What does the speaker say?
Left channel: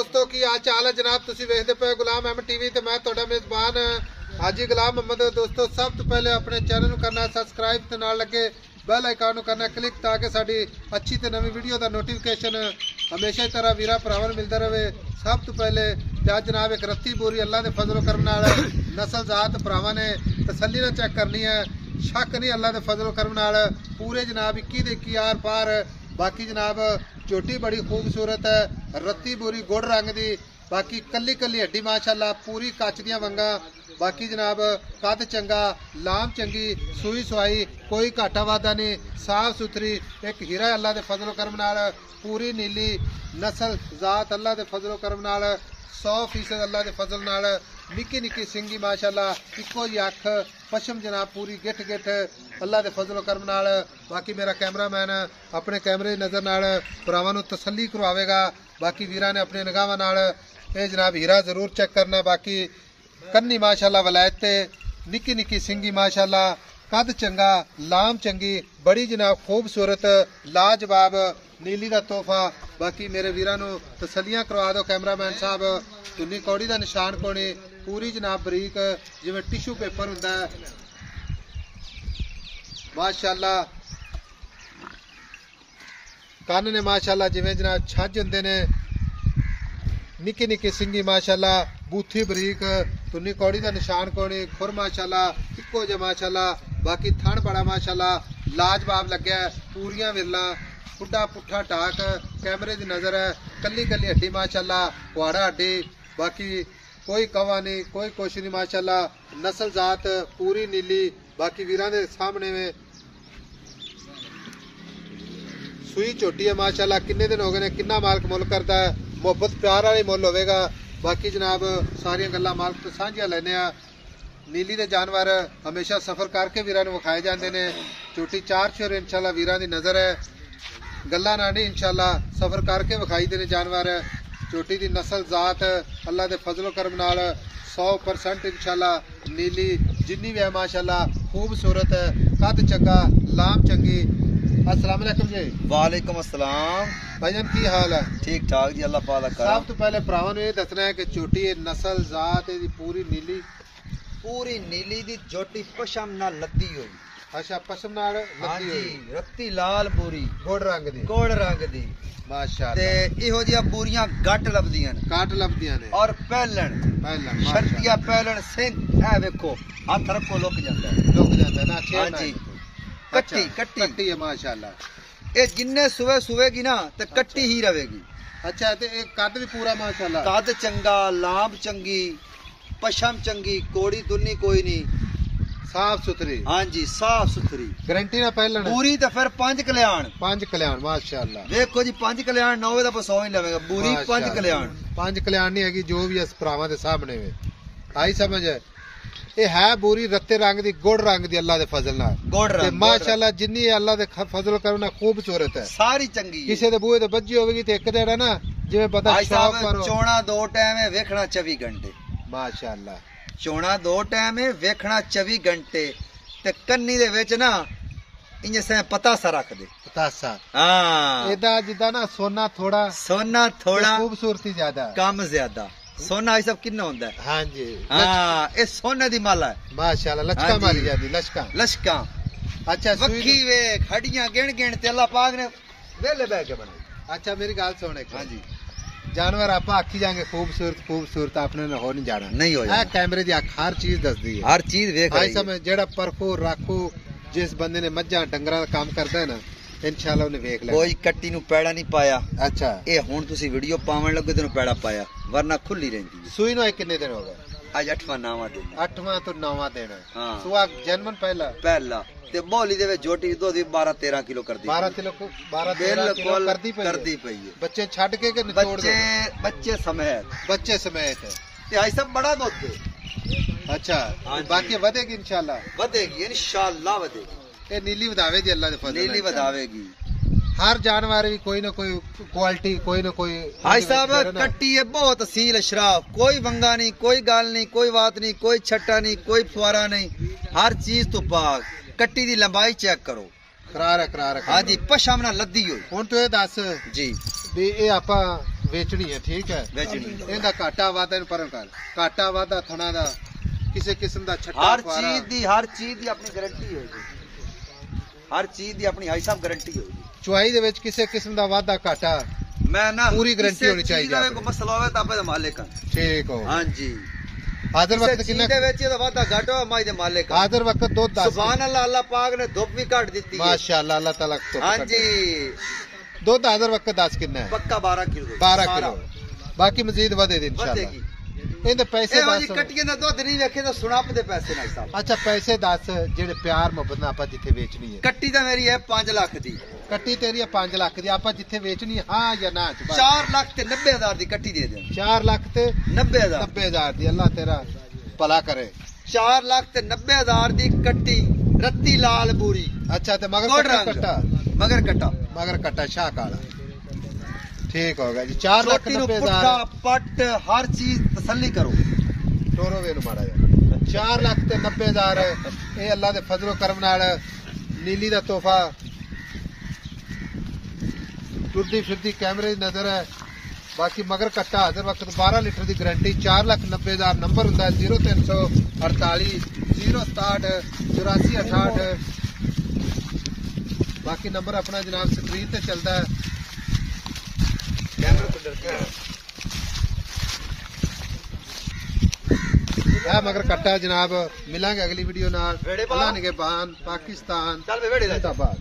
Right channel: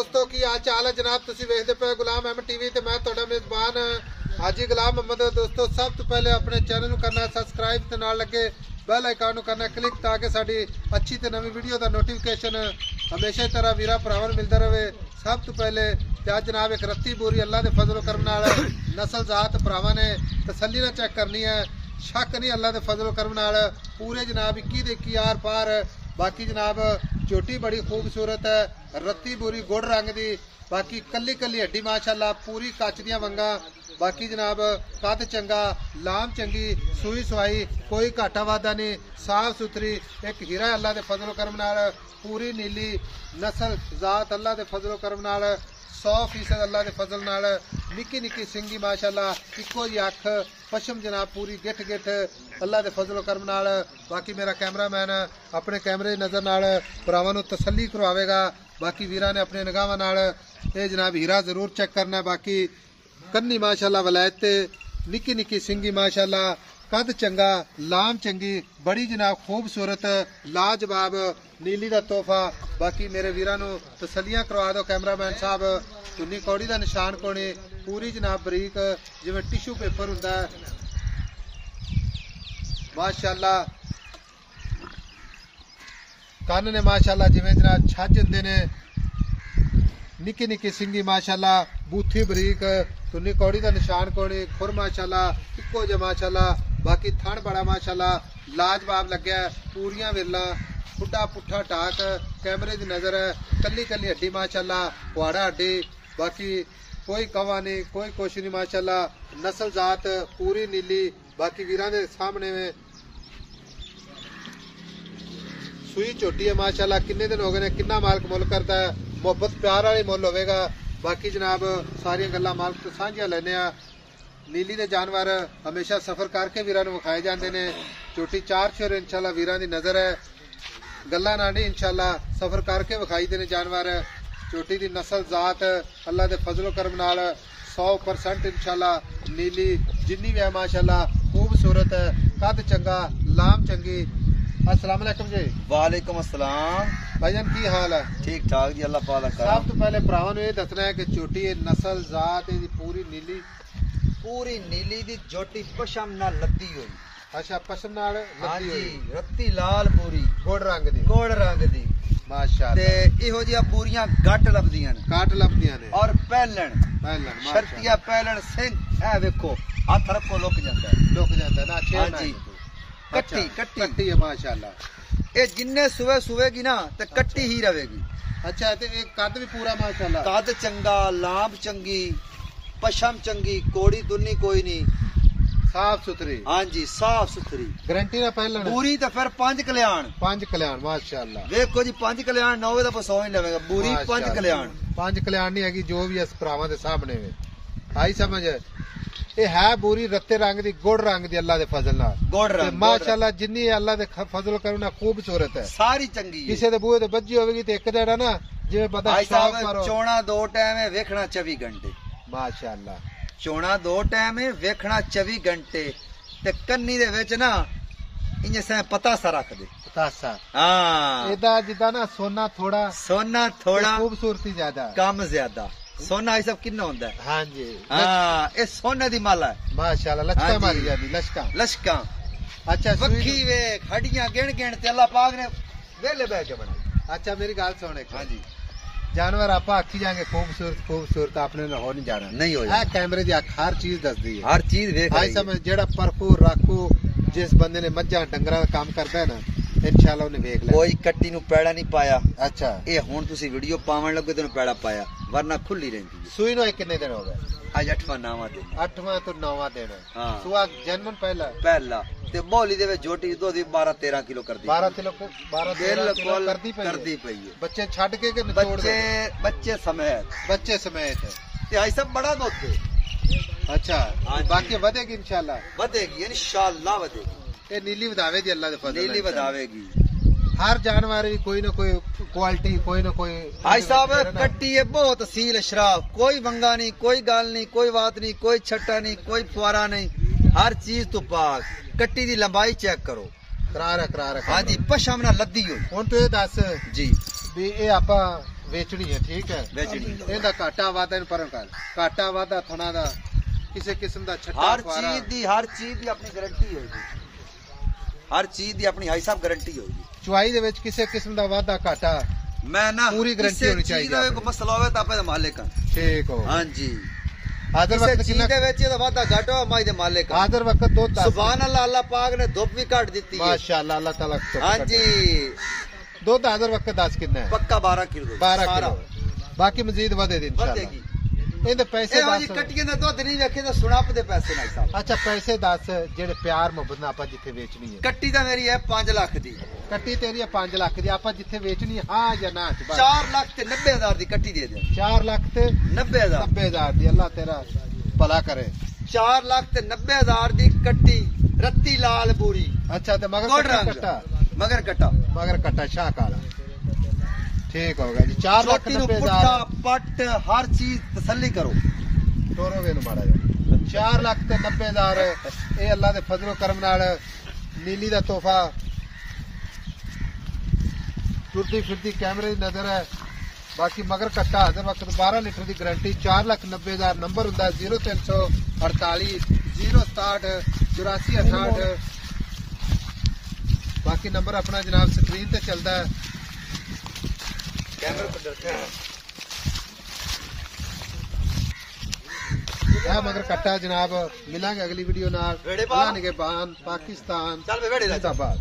दोस्तों की आज चाल है जनाब तुसी वेखदे पे गुलाम अहमद टीवी ते मैं तुहाडा मेजबान हाजी गुलाम मोहम्मद। दोस्तों सब तो पहले अपने चैनल करना सब्सक्राइब ते नाल लगे बेल आइकन करना क्लिक ताकि साडी अच्छी ते नवी वीडियो दा नोटिफिकेशन हमेशा ही तरह वीरा भरावां मिलता रहे। सब तो पहले आज जनाब एक रत्ती बोरी अल्लाह दे फजल करम नाल नस्ल जात भरावां ने तसल्ली नाल चेक करनी है। शक नहीं अल्लाह दे फजल करम नाल पूरे जनाब 21 दे 21 आर पार। बाकी जनाब झोटी बड़ी खूबसूरत है, रत्ती बोरी गुड़ रंग दी, बाकी कली कली हड्डी माशाअल्लाह पूरी कच दियां वंगा। बाकी जनाब कद चंगा, लाम चंगी, सूई सुई कोई घाटा वादा नहीं, साफ सुथरी एक हीरा अल्लाह दे फजल करम नाल पूरी नीली नस्ल जात अल्लाह दे फजल करम नाल 100% अल्लाह दे फजल नाल निक्की निक्की सिंगी माशाअल्लाह इको जी अख पशम जनाब पूरी गिठ गिठ अल्लाह दे फजल करम नाल। बाकी मेरा कैमरामैन अपने कैमरे नजर नाल भरावां नूं तसल्ली करवावेगा। बाकी वीरां ने अपने निगाहां नाल ये जनाब हीरा जरूर चेक करना। बाकी कन्नी माशाअल्लाह वलायत ते निक्की निक्की सिंगी माशाअल्लाह कद चंगा, लाम चंगी, बड़ी जनाब खूबसूरत लाजवाब नीली दा तोहफा। बाकी मेरे वीरां नूं तसल्लियां करवा दो कैमरामैन साहब। तुन्नी कौड़ी दा निशान कोनी पूरी जनाब बरीक जिवें टिशू पेपर हुंदा है माशाअल्लाह। कन्न ने माशाअल्लाह जिवें जनाब छज हुंदे ने, निक्की निक्की सिंगी माशाअल्लाह बूथी बरीक, तुन्नी कौड़ी दा निशान कोनी, खुर माशाअल्लाह इक्को जे माशाअल्लाह। बाकी थण बड़ा माशाअल्लाह लाजवाब लग्या, पूरियां विरला खुड्डा पुट्ठा टाक कैमरे दी नजर है, कली कली हड्डी माशाअल्लाह पुआड़ा हड्डी। बाकी कोई कवा नहीं कोई कुछ नहीं माशाअल्लाह, नस्ल जात पूरी नीली। बाकी वीरां दे सामने में सूई झोटी है माशाअल्लाह। किन्ने दिन हो गए ने, किन्ना मालक मुल करदा है, मोहब्बत प्यार वाली मुल होवेगा। बाकी जनाब सारियां गल्लां मालक तो सांझियां लैने आ। नीली दे जानवर हमेशा सफर करके वीरां नूं विखाए जांदे ने। झोटी 4 शेर इंशाअल्लाह वीरां दी नजर है, गल्लां ना नहीं इंशाअल्लाह सफर करके विखाई दे ने जानवर। झोटी दी नस्ल जात अल्लाह दे फजलो करम नाल 100% इंशाअल्लाह नीली जिन्नी भी है माशाअल्लाह खूबसूरत है, कद चंगा, लाम चंगी। अस्सलाम वालेकुम जी। वालेकुम अस्सलाम भाईजान की हाल है? ठीक ठाक जी, अल्लाह पाक दा करम। सब तो पहले भरावां नूं ये दसना है कि झोटी नस्ल जात दी पूरी नीली दी झोटी पशम नाल लद्दी होई। अच्छा पशम नाल लद्दी होई, रत्ती लाल पूरी गुड़ रंग दी माशाअल्लाह। ते इहो जिहा पूरियां गट लभदियां ने, काट लभदियां ने और पहलण शर्तिया पहलण सिंह ए वेखो हथ रखो लुक जांदा है ना। हां जी कट्टी है माशाअल्लाह। ये जिन्ने सुबह सुवेगी ना ते कट्टी ही रहेगी। अच्छा ते एक कद भी पूरा माशाअल्लाह, कद चंगा, लाभ चंगी, पशम चंगी, कोड़ी दुन्नी कोई नहीं, साफ सुथरी। हाँ जी साफ सुथरी गारंटी ना पहले पूरी। तो फिर 5 कल्याण माशाअल्लाह। देखो जी 5 कल्याण 9 का पसौ ही लवेगा पूरी 5 कल्याण। 5 कल्याण नहीं हैगी जो भी इस भरावां दे सामने वे आई समझ है। ये है बोरी रत्ते रंग दी गुड़ रंग दी अल्लाह दे फजल नाल गुड़ रंग माशाअल्लाह। जिन्नी अल्लाह दे फजल करना खूबसूरत है, सारी चंगी है। किसी दे बूहे ते बज्जी होगी ते एक जेड़ा ना जिवें पता चोणा 2 टाइम है वेखना 24 घंटे माशाअल्लाह। चोणा 2 टाइम है वेखना 24 घंटे। ते कन्नी दे विच ना इयां से पतासा रख दे, पतासा। हां एदा जिदा ना सोना थोड़ा खूबसूरती ज्यादा, कम ज्यादा। सोना ये सब किन्ना होंदा है? हां जी हां ये सोने दी माला है माशाअल्लाह। लचका मारी जादी लचका। अच्छा वक्खी वेख हड्डियां गिण ते अल्लाह पाक ने वेले बैठ के बनाई। अच्छा मेरी गल सुन एक। हां जी जानवर आप आखी जाएंगे खूबसूरत आपने हो नहीं जाना, नहीं हो जाना। कैमरे दी हर चीज दसदी है, हर चीज वेख आई समझ। जेड़ा परखू राखू जिस बंदे ने मज्जा डंगरा दा काम करदा है ना इंशाअल्लाह उन्हें वेख ले। कोई कट्टी नूं पैड़ा नहीं पाया। अच्छा ये हुण तुसी वीडियो पावन लगे तेन पैड़ा पाया, वरना खुली रहंदी है। सूई नूं कितने दिन हो गए? आज 8वां 9वां दिन। 8वां तो 9वां दिन है। हां सुआ जन्मन पहला ते बोली दे विच झोटी दुध 12-13 किलो करदी। 12 किलो करदी पई है। बच्चे छड के निचोड़ दे? बच्चे समेत ते आई सब बड़ा दुध है। अच्छा बाकी वधेगी इंशाअल्लाह वधेगी। ये नीली वधावे दी अल्लाह दे फजल, नीली वधावेगी। हर जानवर भी कोई ना कोई क्वालिटी कोई ना कोई। भाई साहब कट्टी है बहुत असील अशराफ, कोई वंगा नहीं, कोई गाल नहीं, कोई बात नहीं, कोई छट्टा नहीं, कोई फुआरा नहीं, हर चीज तो पाक। कट्टी दी लंबाई चेक करो, करार। हाँ जी पशम ना लद्दी हो। हुण तो ये दस जी भी ये आपां ਵੇਚਣੀ ਹੈ ਠੀਕ ਹੈ ਇਹਦਾ ਘਾਟਾ ਵਾਧਾ ਇਹਨੂੰ ਪਰਾਂ ਕਰ ਘਾਟਾ ਵਾਧਾ ਥਣਾ ਦਾ ਕਿਸੇ ਕਿਸਮ ਦਾ ਛੱਟਾ ਹਰ ਚੀਜ਼ ਦੀ ਆਪਣੀ ਗਾਰੰਟੀ ਹੋਏਗੀ ਹਰ ਚੀਜ਼ ਦੀ ਆਪਣੀ ਹਾਈ ਸਾਹਿਬ ਗਾਰੰਟੀ ਹੋਏਗੀ ਚੁਆਈ ਦੇ ਵਿੱਚ ਕਿਸੇ ਕਿਸਮ ਦਾ ਵਾਧਾ ਘਾਟਾ ਮੈਂ ਨਾ ਪੂਰੀ ਗਾਰੰਟੀ ਹੋਣੀ ਚਾਹੀਦੀ ਹੈ ਕੋਈ ਮਸਲਾ ਹੋਵੇ ਤਾਂ ਆਪਣੇ ਮਾਲਿਕ ਠੀਕ ਹੋ ਹਾਂਜੀ ਆਦਰ ਵਕਤ ਕਿੰਨਾ ਦੇ ਵਿੱਚ ਇਹਦਾ ਵਾਧਾ ਘਾਟਾ ਮਾਈ ਦੇ ਮਾਲਿਕ ਆਦਰ ਵਕਤ ਦੁੱਧ ਸੁਭਾਨ ਅੱਲਾਹ ਅੱਲਾਹ ਪਾਕ ਨੇ ਧੁੱਪ ਵੀ ਕੱਢ ਦਿੱਤੀ ਹੈ ਮਾਸ਼ਾਅੱਲਾ ਅੱਲਾਹ ਤਾਲਾ ਹਾਂਜੀ ਦੁੱਧ ਆਦਰ ਵਕਤ 10 ਕਿੰਨਾ ਹੈ ਪੱਕਾ 12 ਕਿਲੋ ਬਾਕੀ ਮਜ਼ੀਦ ਵਧੇਗੀ ਇਨਸ਼ਾਅੱਲਾ ਇਹਦੇ ਪੈਸੇ ਦੱਸ ਕੱਟੀਆਂ ਦਾ ਦੁੱਧ ਨਹੀਂ ਵੇਖੇ ਤਾਂ ਸੁਣਾਪ ਦੇ ਪੈਸੇ ਨਾਲ ਸਾਹਿਬ ਅੱਛਾ ਪੈਸੇ ਦੱਸ ਜਿਹੜੇ ਪਿਆਰ ਮੁਹੱਬਤ ਨਾਲ ਆਪਾਂ ਜਿੱਥੇ ਵੇਚਣੀ ਹੈ ਕੱਟੀ ਤਾਂ ਮੇਰੀ ਹੈ 5 ਲੱਖ ਦੀ ਕੱਟੀ ਤੇਰੀ ਹੈ 5 ਲੱਖ ਦੀ ਆਪਾਂ ਜਿੱਥੇ ਵੇਚਣੀ ਹੈ ਹਾਂ ਜਾਂ ਨਾ 4 ਲੱਖ ਤੇ 90,000 ਦੀ ਕੱਟੀ ਦੇ ਦੇ 4 ਲੱਖ ਤੇ 90,000 ਦੀ ਅੱਲਾਹ ਤੇਰਾ ਭਲਾ ਕਰੇ 4 ਲੱਖ ਤੇ 90,000 ਦੀ ਕੱਟੀ ਰੱਤੀ ਲਾਲ ਬੂਰੀ ਅੱਛਾ ਤੇ ਮਗਰ ਕੱਟਾ ਸ਼ਾਹ ਕਾਲਾ ठीक होगा जी 4 लाख 90,000 पट हर चीज तसल्ली करो टोरो वे माड़ा जा 4 लाख ते 90,000 ये अल्लाह दे फजलो करम नाल नीली दा तोहफा टुरदी फिरदी कैमरे दी नजर है बाकी मगर कट्टा हर वक्त 12 लीटर दी गारंटी 4 लाख 90,000 नंबर हुंदा 0348 067 8468 बाकी नंबर अपना जनाब स्क्रीन ते चलदा है मगर कट्टा जनाब मिलांगे अगली वीडियो नाल अल्लाह निगहबान पाकिस्तान जिंदाबाद।